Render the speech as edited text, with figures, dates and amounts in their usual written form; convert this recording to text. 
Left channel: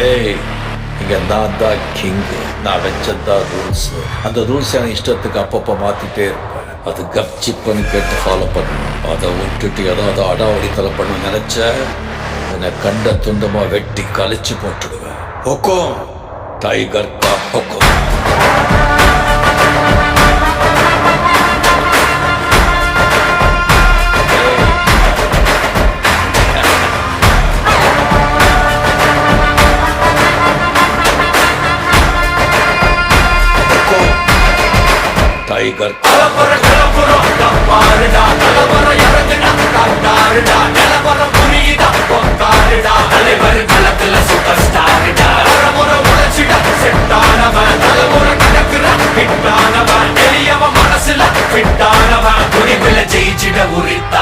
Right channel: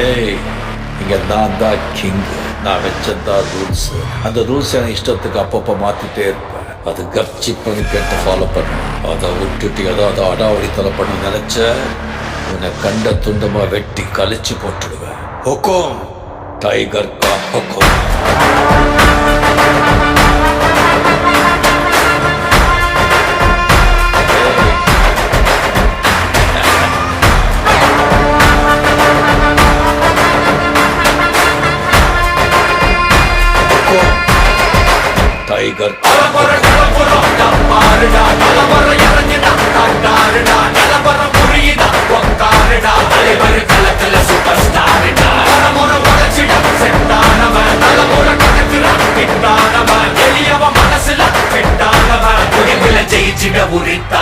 ஏய், இங்க நான் தான் கிங்கு. நான் வச்சதான் ரூல்ஸ். அந்த ரூல்ஸ் எனக்கு இஷ்டத்துக்கு அப்பப்போ மாத்திட்டே இருப்பேன். அது கப்சிப்புன்னு கேட்டு ஃபாலோ பண்ணணும். அதை விட்டுட்டு ஏதாவது அடாவடித்தலை பண்ண நினைச்ச உன்னை கண்ட துண்டமா வெட்டி கழிச்சு போட்டுடுவேன். ஹொக்கோம், டைகர் கா ஹொக்கோம். டைகர் மனசுல ஜெயிச்சிட உரித்தா